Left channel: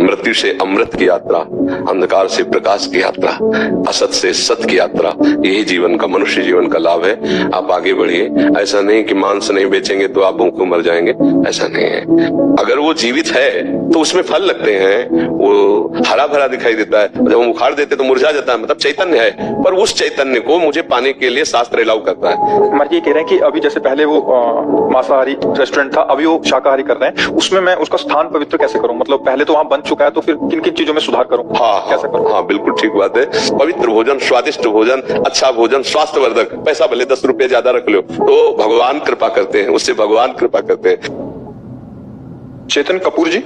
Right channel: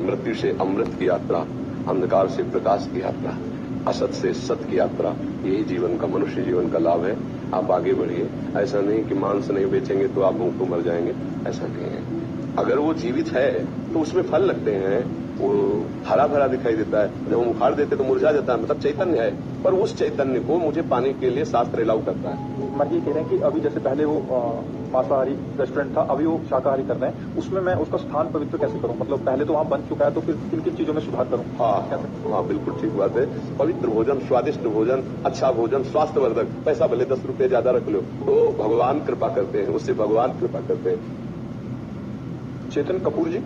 मृत्यु से अमृत की यात्रा, अंधकार से प्रकाश की यात्रा, असत से सत की यात्रा, यही जीवन का, मनुष्य जीवन का लाभ है। आप आगे बढ़िए। ऐसा नहीं कि मांस नहीं बेचेंगे तो आप भूखे मर जाएंगे, ऐसा नहीं है। अगर वो जीवित है तो उसमें फल लगते हैं, वो हरा भरा दिखाई देता है। जब हम उखाड़ देते तो मुरझा जाता है, मतलब चैतन्य है, पर उस चैतन्य को मुझे पाने के लिए शास्त्र अलाउ करता है। मैं ये कह रहे हैं कि अभी जैसे पहले वो मांसाहारी रेस्टोरेंट था, अभी वो शाकाहारी कर रहे हैं, उसमें मैं उसका स्थान पवित्र कैसे करूं? मतलब पहले तो वहां बन चुका है, तो फिर किन किन चीजों में सुधार करूं? कैसे करूं? हाँ, बिल्कुल ठीक बात है। पवित्र भोजन, स्वादिष्ट भोजन, अच्छा भोजन, स्वास्थ्यवर्धक, पैसा भले 10 रुपए ज्यादा रख लो, तो भगवान कृपा करते हैं, उससे भगवान कृपा करते हैं। चेतन कपूर जी,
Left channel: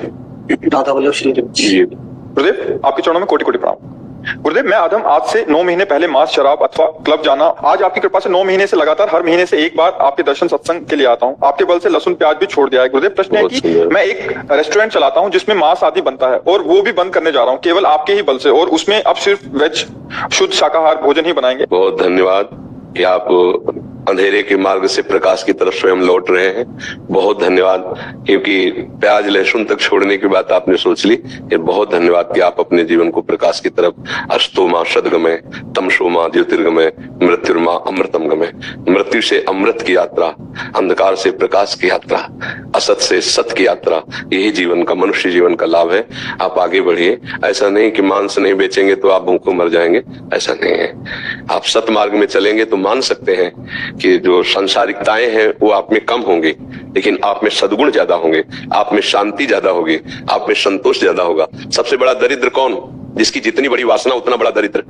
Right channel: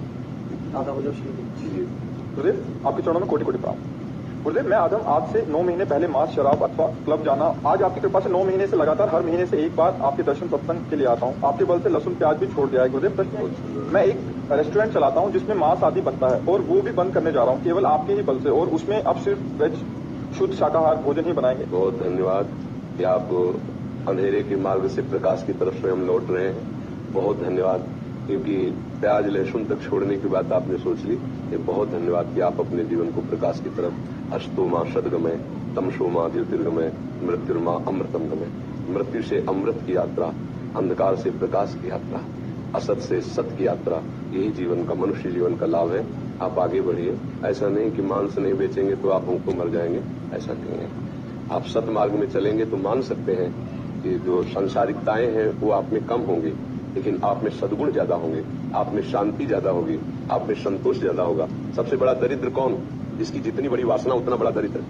दादा वल्लभ श्री जी गुरुदेव आपके चरणों में कोटि कोटि प्रणाम। गुरुदेव, मैं आदम आज से 9 महीने पहले मांस, शराब अथवा क्लब जाना, आज आपकी कृपा से 9 महीने से लगातार हर महीने से एक बार आपके दर्शन सत्संग के लिए आता हूँ। आपके बल से लहसुन प्याज भी छोड़ दिया है। गुरुदेव, प्रश्न है कि मैं एक रेस्टोरेंट चलाता हूँ जिसमें मांस आदि बनता है, और वो भी बंद करने जा रहा हूँ केवल आपके ही बल से, और उसमें अब सिर्फ वेज शुद्ध शाकाहार भोजन ही बनाएंगे। बहुत धन्यवाद कि आप अंधेरे के मार्ग से प्रकाश की तरफ स्वयं लौट रहे हैं। बहुत धन्यवाद, क्योंकि प्याज लहसुन तक छोड़ने की बात आपने सोच ली। ये बहुत धन्यवाद कि आप अपने जीवन को प्रकाश की तरफ, अस्तोमा सद्गमय, तमसोमा ज्योतिर्गमय, मृत्युर्मा अमृतम गमय, मृत्यु से अमृत की यात्रा, अंधकार से प्रकाश की यात्रा, असत से सत की यात्रा, यही जीवन का, मनुष्य जीवन का लाभ है। आप आगे बढ़िए। ऐसा नहीं कि मांस नहीं बेचेंगे तो आप भूखे मर जाएंगे, ऐसा नहीं है। आप सत मार्ग में चलेंगे तो मान सकते हैं कि जो सांसारिकताएं हैं वो आप में कम होंगी, लेकिन आप में सद्गुण ज्यादा होंगे, आप में शांति ज्यादा होगी, आप में संतोष ज्यादा होगा। सबसे बड़ा दरिद्र कौन? जिसकी जितनी बड़ी वासना उतना बड़ा दरिद्र।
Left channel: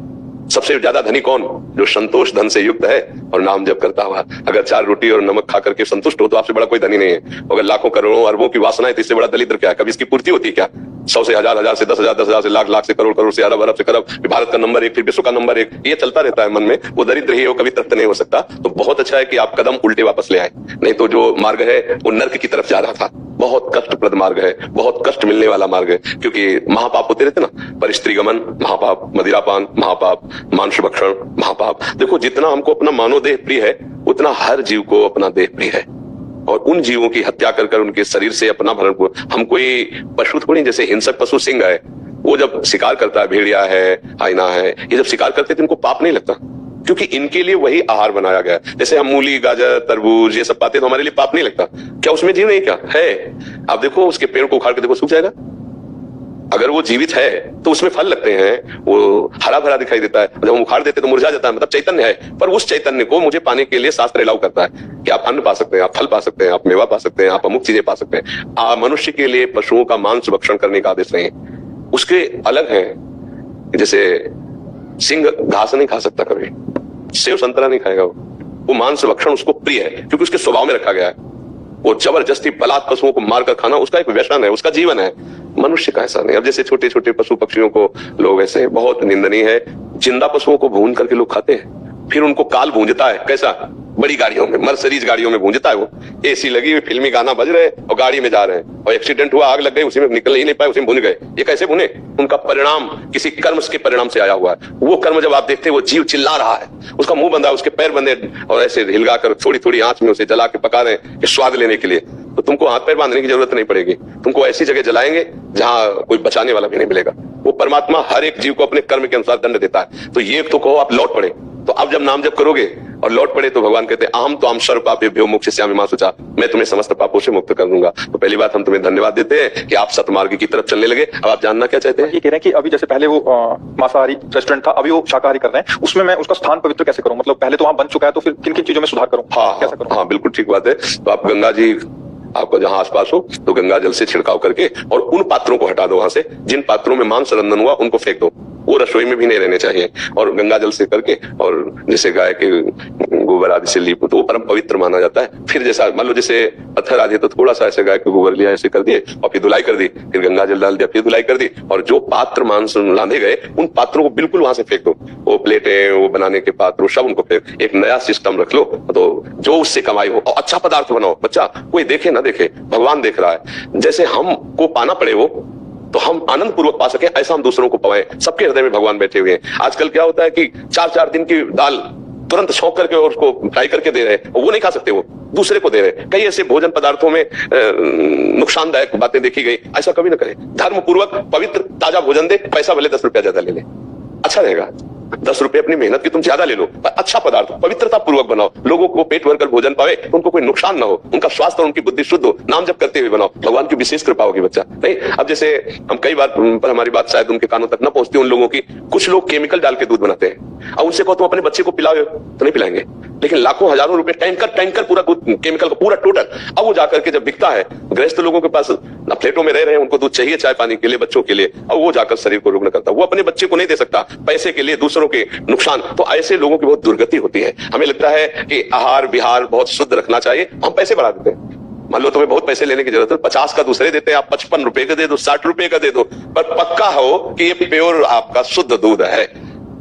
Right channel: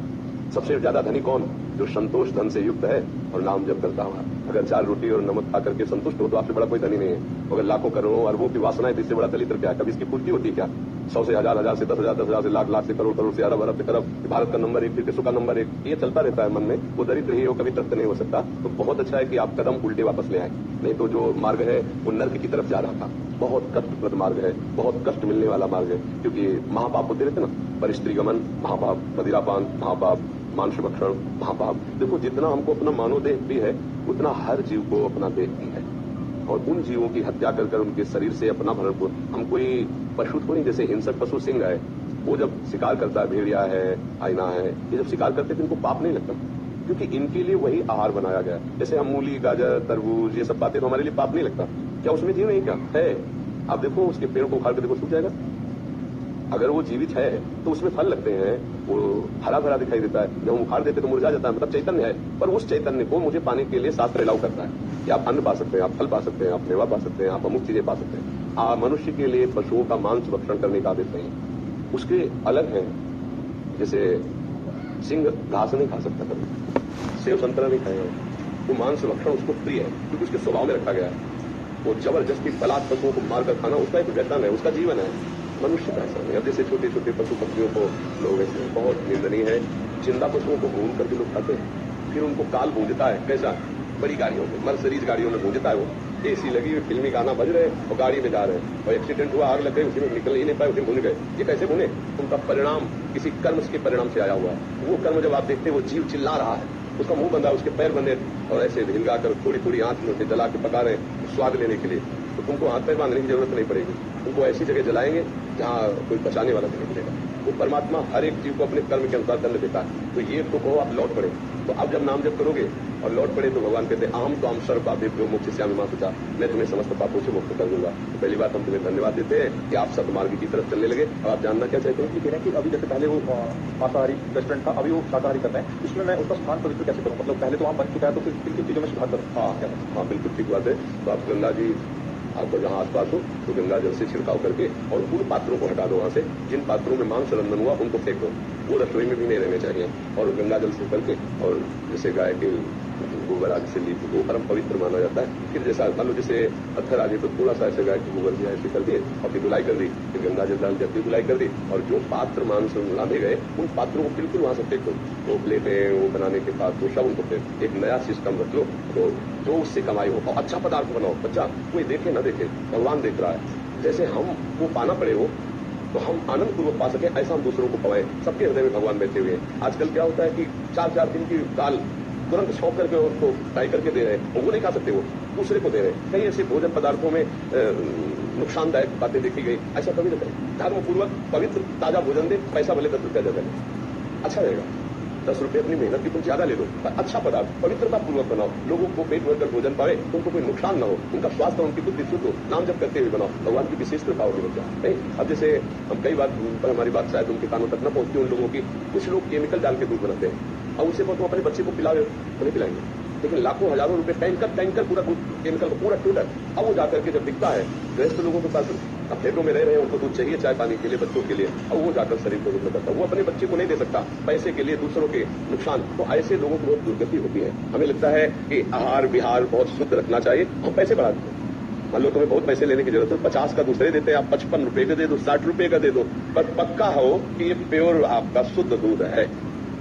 सबसे ज्यादा धनी कौन? जो संतोष धन से युक्त है और नाम जप करता हुआ। अगर 4 रोटी और नमक खा करके संतुष्ट हो तो आपसे बड़ा कोई धनी नहीं है। अगर लाखों करोड़ों अरबों की वासना है तो इससे बड़ा दरिद्र क्या है? कभी इसकी पूर्ति होती है क्या? 100 से 1000, 1000 से 10,000, 10,000 से लाख, लाख से करोड़, करोड़ से अरब, अरब से खरब, भारत का नंबर 1, फिर विश्व का नंबर 1, ये चलता रहता है मन में। वो दरिद्र ही, वो कभी तृप्त नहीं हो सकता। तो बहुत अच्छा है कि आप कदम उल्टे वापस ले आए, नहीं तो जो मार्ग है वो नर्क की तरफ जा रहा था। बहुत कष्टप्रद मार्ग है, बहुत कष्ट मिलने वाला मार्ग है, क्योंकि महापाप होते रहते ना, परिस्त्रीगमन महापाप, मदिरापान महापाप, मांस भक्षण महापाप। देखो, जितना हमको अपना मानव देह प्रिय है उतना हर जीव को अपना देह प्रिय है, और उन जीवों की हत्या कर कर उनके शरीर से अपना भरण। हम कोई पशु थोड़ी, जैसे हिंसक पशु सिंह है, वो जब शिकार करता है, भेड़िया है, हाइना है, ये जब शिकार करते हैं तो इनको पाप नहीं लगता, क्योंकि इनके लिए वही आहार बनाया गया है। जैसे हम मूली, गाजर, तरबूज ये सब पाते तो हमारे लिए पाप नहीं लगता। क्या उसमें जीव नहीं? क्या है? आप देखो, उसके पेड़ को उखाड़ के देखो, सूख जाएगा। अगर वो जीवित है तो उसमें फल लगते हैं, वो हरा भरा दिखाई देता है। जब हम उखाड़ देते तो मुरझा जाता है, मतलब चैतन्य है, पर उस चैतन्य को मुझे पाने के लिए शास्त्र अलाउ करता है कि आप अन्न पा सकते हैं, आप फल पा सकते हैं, आप मेवा पा सकते हैं, आप अमुक चीजें पा सकते हैं। मनुष्य के लिए पशुओं का मांस भक्षण करने का आदेश नहीं, उसके अलग है। जैसे सिंह घास नहीं खा सकता, कभी सेव संतरा नहीं खाएगा, वो मांस भक्षण उसको प्रिय है, क्योंकि उसके स्वभाव में रखा गया है। वो जबरदस्ती बलात् पशुओं को मारकर खाना उसका एक व्यसन है, उसका जीवन है। मनुष्य का ऐसा नहीं। अब जैसे छोटे छोटे पशु पक्षियों को लोग ऐसे, बहुत निंदनीय है, जिंदा पशुओं को भून करके लोग खाते हैं, फिर उनको काल भूंजता है। कैसा? बड़ी गाड़ियों में, मर्सिडीज गाड़ियों में भूंजता है वो, एसी लगी हुई, फिल्मी गाना बज रहे और गाड़ी में जा रहे हैं, और एक्सीडेंट हुआ, आग लग गई, उसी में निकल ही नहीं पाए, उसी में भून गए। ये कैसे भुने? उनका परिणाम किसी कर्म के परिणाम से आया हुआ है। वो कर्म जब आप देखते हैं, वो जीव चिल्ला रहा है, उसका मुंह बंधा, उसके पैर बंधे, और ऐसे हिलगा कर थोड़ी थोड़ी आंच में उसे जला के पका रहे हैं स्वाद लेने के लिए। तो तुमको हाथ पैर बांधने की जरूरत नहीं पड़ेगी, तुमको ऐसी जगह जलाएंगे जहां कोई बचाने वाला भी नहीं मिलेगा। वो परमात्मा हर एक जीव को अपने कर्म के अनुसार दंड देता है। तो ये तो कहो आप लौट पड़े, तो अब जब नाम जप करोगे और लौट पड़े तो भगवान कहते हैं, अहम तो हम सर्व पापेभ्यो मोक्षयिष्यामि मा शुचा, मैं तुम्हें समस्त पापों से मुक्त कर दूंगा। तो पहली बात, हम तुम्हें धन्यवाद देते हैं कि आप सतमार्ग की तरफ चलने लगे। अब आप जानना क्या चाहते हैं? ये कह रहे हैं कि अभी जैसे पहले वो मांसाहारी रेस्टोरेंट था, अभी वो शाकाहारी कर रहे हैं, उसमें मैं उसका स्थान पवित्र कैसे करूं? मतलब पहले तो वहां बन चुका है, तो फिर किन किन चीजों में सुधार करूं? कैसे करूं? हाँ, बिल्कुल ठीक बात है। तो आप गंगा जी, आपको जहां आसपास हो तो गंगा जल से छिड़काव करके, और उन पात्रों को हटा दो वहां से जिन पात्रों में मांस रंधन हुआ, उनको फेंक दो। वो रसोई में भी नहीं रहने चाहिए। और गंगा जल से करके, और जैसे गाय के गोबर आदि से लीप, तो वो परम पवित्र माना जाता है। फिर जैसा मान लो जैसे पत्थर आदि, तो थोड़ा सा ऐसे गाय के गोबर लिया, ऐसे कर दिए, और फिर धुलाई कर दी, फिर गंगा जल डाल दिया, फिर धुलाई कर दी, और जो पात्र मांस लांधे गए उन पात्रों को बिल्कुल वहां से फेंक दो। वो प्लेटें, वो बनाने के पात्र, सब उनको फेंक, एक नया सिस्टम रख लो। तो जो उससे कमाई हो, और अच्छा पदार्थ बनाओ। बच्चा कोई देखे ना देखे, भगवान देख रहा है। जैसे हमको पाना पड़े वो, तो हम आनंद पूर्वक पा सके, ऐसा हम दूसरों को पाएं। सबके हृदय में भगवान बैठे हुए हैं। आजकल क्या होता है कि 4-4 दिन की दाल तुरंत छौंक करके और उसको फ्राई करके दे रहे हैं, और वो नहीं खा सकते। वो दूसरे को दे रहे हैं। कई ऐसे भोजन पदार्थों में नुकसानदायक बातें देखी गई, ऐसा कभी ना करें। धर्म पूर्वक पवित्र ताजा भोजन दे, पैसा भले 10 रुपया ज्यादा ले ले, अच्छा रहेगा। 10 रुपए अपनी मेहनत की तुम ज्यादा ले लो, पर अच्छा पदार्थ पवित्रता पूर्वक बनाओ, लोगों को पेट भरकर भोजन पावे, उनको कोई नुकसान ना हो, उनका स्वास्थ्य और उनकी बुद्धि शुद्ध हो, नाम जप करते हुए बनाओ, भगवान की विशेष कृपा होगी बच्चा। नहीं, अब जैसे हम कई बार पर हमारी बात शायद उनके कानों तक न पहुंचती उन लोगों की, कुछ लोग केमिकल डाल के दूध बनाते हैं, अब उनसे कहो तुम अपने बच्चे को पिलाओ तो नहीं पिलाएंगे, लेकिन लाखों हजारों रुपए टैंकर पूरा केमिकल का पूरा टोटल। अब वो जाकर के जब बिकता है, गृहस्थ लोगों के पास ना फ्लैटों में रह रहे हैं, उनको दूध चाहिए चाय पानी के लिए, बच्चों के लिए, और वो जाकर शरीर को रुग्ण करता है, वो अपने बच्चे को नहीं दे सकता पैसे के लिए, दूसरों के नुकसान। तो ऐसे लोगों की बहुत दुर्गति होती है। हमें लगता है कि आहार विहार बहुत शुद्ध रखना चाहिए, हम पैसे बढ़ा देते हैं। मान लो तुम्हें बहुत पैसे लेने की जरूरत है, 50 का दूसरे देते हैं, आप 55 रुपए का दे दो, 60 रुपए का दे दो, पर पक्का हो कि ये प्योर आपका शुद्ध दूध है,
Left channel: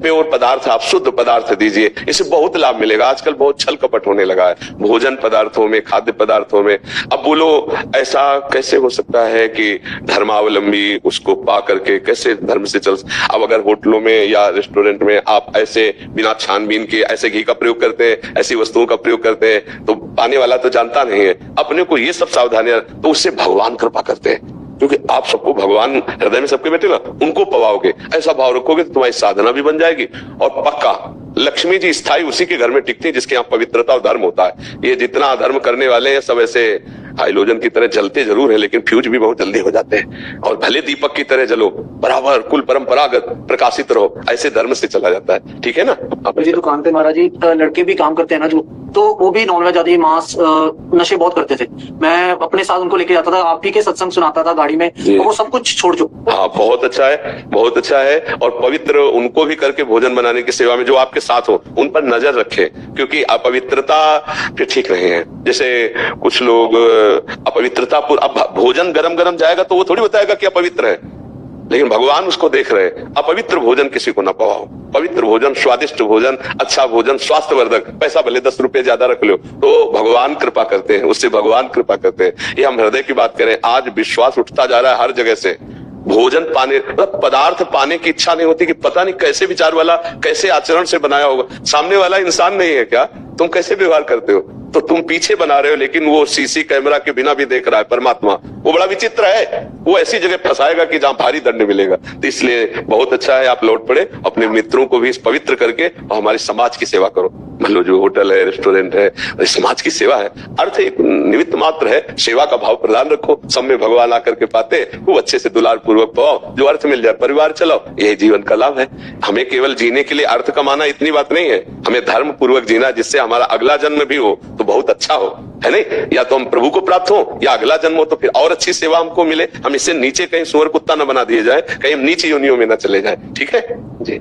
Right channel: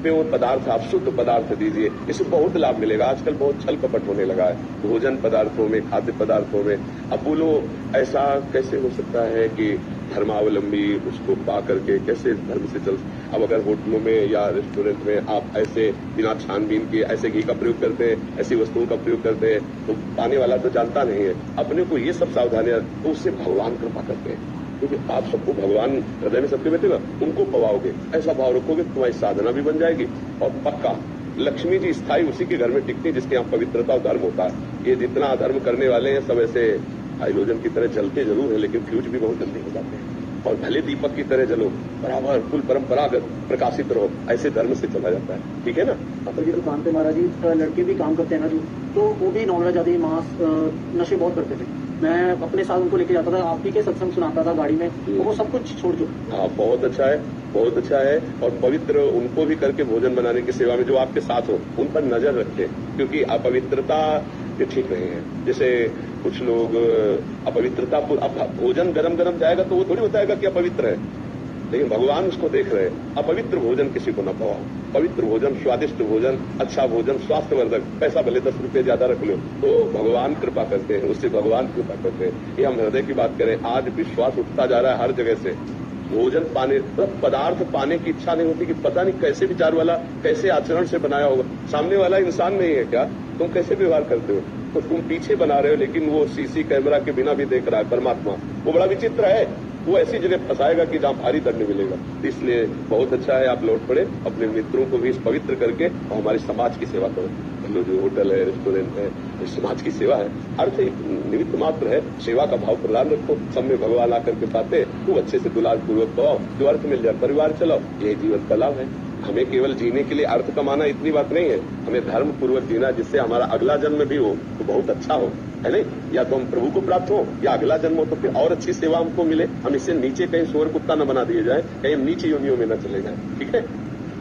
प्योर पदार्थ, आप शुद्ध पदार्थ दीजिए, इससे बहुत लाभ मिलेगा। आजकल बहुत छल कपट होने लगा है भोजन पदार्थों में, खाद्य पदार्थों में। अब बोलो ऐसा कैसे हो सकता है कि धर्मावलंबी उसको पा करके कैसे धर्म से चल। अब अगर होटलों में या रेस्टोरेंट में आप ऐसे बिना छानबीन के ऐसे घी का प्रयोग करते हैं, ऐसी वस्तुओं का प्रयोग करते हैं, तो पाने वाला तो जानता नहीं है, अपने को ये सब सावधानियां, तो उससे भगवान कृपा करते हैं, क्योंकि आप सबको भगवान हृदय में सबके बैठे ना, उनको पवाओगे, ऐसा भाव रखोगे तो तुम्हारी साधना भी बन जाएगी। और पक्का लक्ष्मी जी स्थायी उसी के घर में टिकती है जिसके यहाँ पवित्रता और धर्म होता है। ये जितना धर्म करने वाले हैं सब ऐसे हाइलोजन की तरह जलते जरूर है, लेकिन फ्यूज भी बहुत जल्दी हो जाते हैं। और भले दीपक की तरह जलो, बराबर कुल परंपरागत प्रकाशित रहो, ऐसे धर्म से चला जाता है। ठीक है ना। जी दुकान पे महाराज जी लड़के भी काम करते हैं ना जो, तो वो भी नॉनवेज आदि मांस नशे बहुत करते थे। मैं अपने साथ उनको लेके जाता था, आप ही के सत्संग सुनाता था गाड़ी में, तो वो सब कुछ छोड़ दो। हाँ, बहुत अच्छा है, बहुत अच्छा है। और पवित्र उनको भी करके भोजन बनाने की सेवा में जो आपके साथ हो, उन पर नजर रखे, क्योंकि अपवित्रता फिर ठीक नहीं है। जैसे कुछ लोग अपवित्रता, अब भोजन गरम गरम जाएगा तो वो थोड़ी बताएगा कि अपवित्र है, लेकिन भगवान उसको देख रहे हैं। अपवित्र भोजन किसी को ना पवाओ, पवित्र भोजन, स्वादिष्ट भोजन, अच्छा भोजन, स्वास्थ्यवर्धक, पैसा भले 10 रुपए ज्यादा रख लो, तो भगवान कृपा करते हैं, उससे भगवान कृपा करते हैं। ये हम हृदय की बात करें, आज विश्वास उठता जा रहा है हर जगह से। भोजन पाने, मतलब पदार्थ पाने की इच्छा नहीं होती कि पता नहीं कैसे विचार वाला, कैसे आचरण से बनाया होगा। सामने वाला इंसान नहीं है क्या, तुम कैसे व्यवहार करते हो, तो तुम पीछे बना रहे हो, लेकिन वो सीसी कैमरा के बिना भी देख रहा है परमात्मा। वो बड़ा विचित्र है, वो ऐसी जगह फंसाएगा कि जहां भारी दंड मिलेगा। तो इसलिए बहुत अच्छा है आप लौट पड़े, अपने मित्रों को भी इस पवित्र करके और हमारे समाज की सेवा करो। मान लो जो होटल है, रेस्टोरेंट है, समाज की सेवा है, अर्थ एक निमित्त मात्र है, सेवा का भाव प्रदान रखो, सब में भगवान आकर के पाते, वो अच्छे से दुलार पूर्वक पाओ, जो अर्थ मिल जाए परिवार चलाओ, यही जीवन का लाभ है। हमें केवल जीने के लिए अर्थ कमाना इतनी बात नहीं है, हमें धर्म पूर्वक जीना, जिससे हमारा अगला जन्म भी हो तो बहुत अच्छा हो, है नहीं। या तो हम प्रभु को प्राप्त हो, या अगला जन्म हो तो फिर और अच्छी सेवा हमको मिले। हम इससे नीचे कहीं सुअर कुत्ता न बना दिए जाए, कहीं हम नीची योनियों में न चले जाए। ठीक है जी।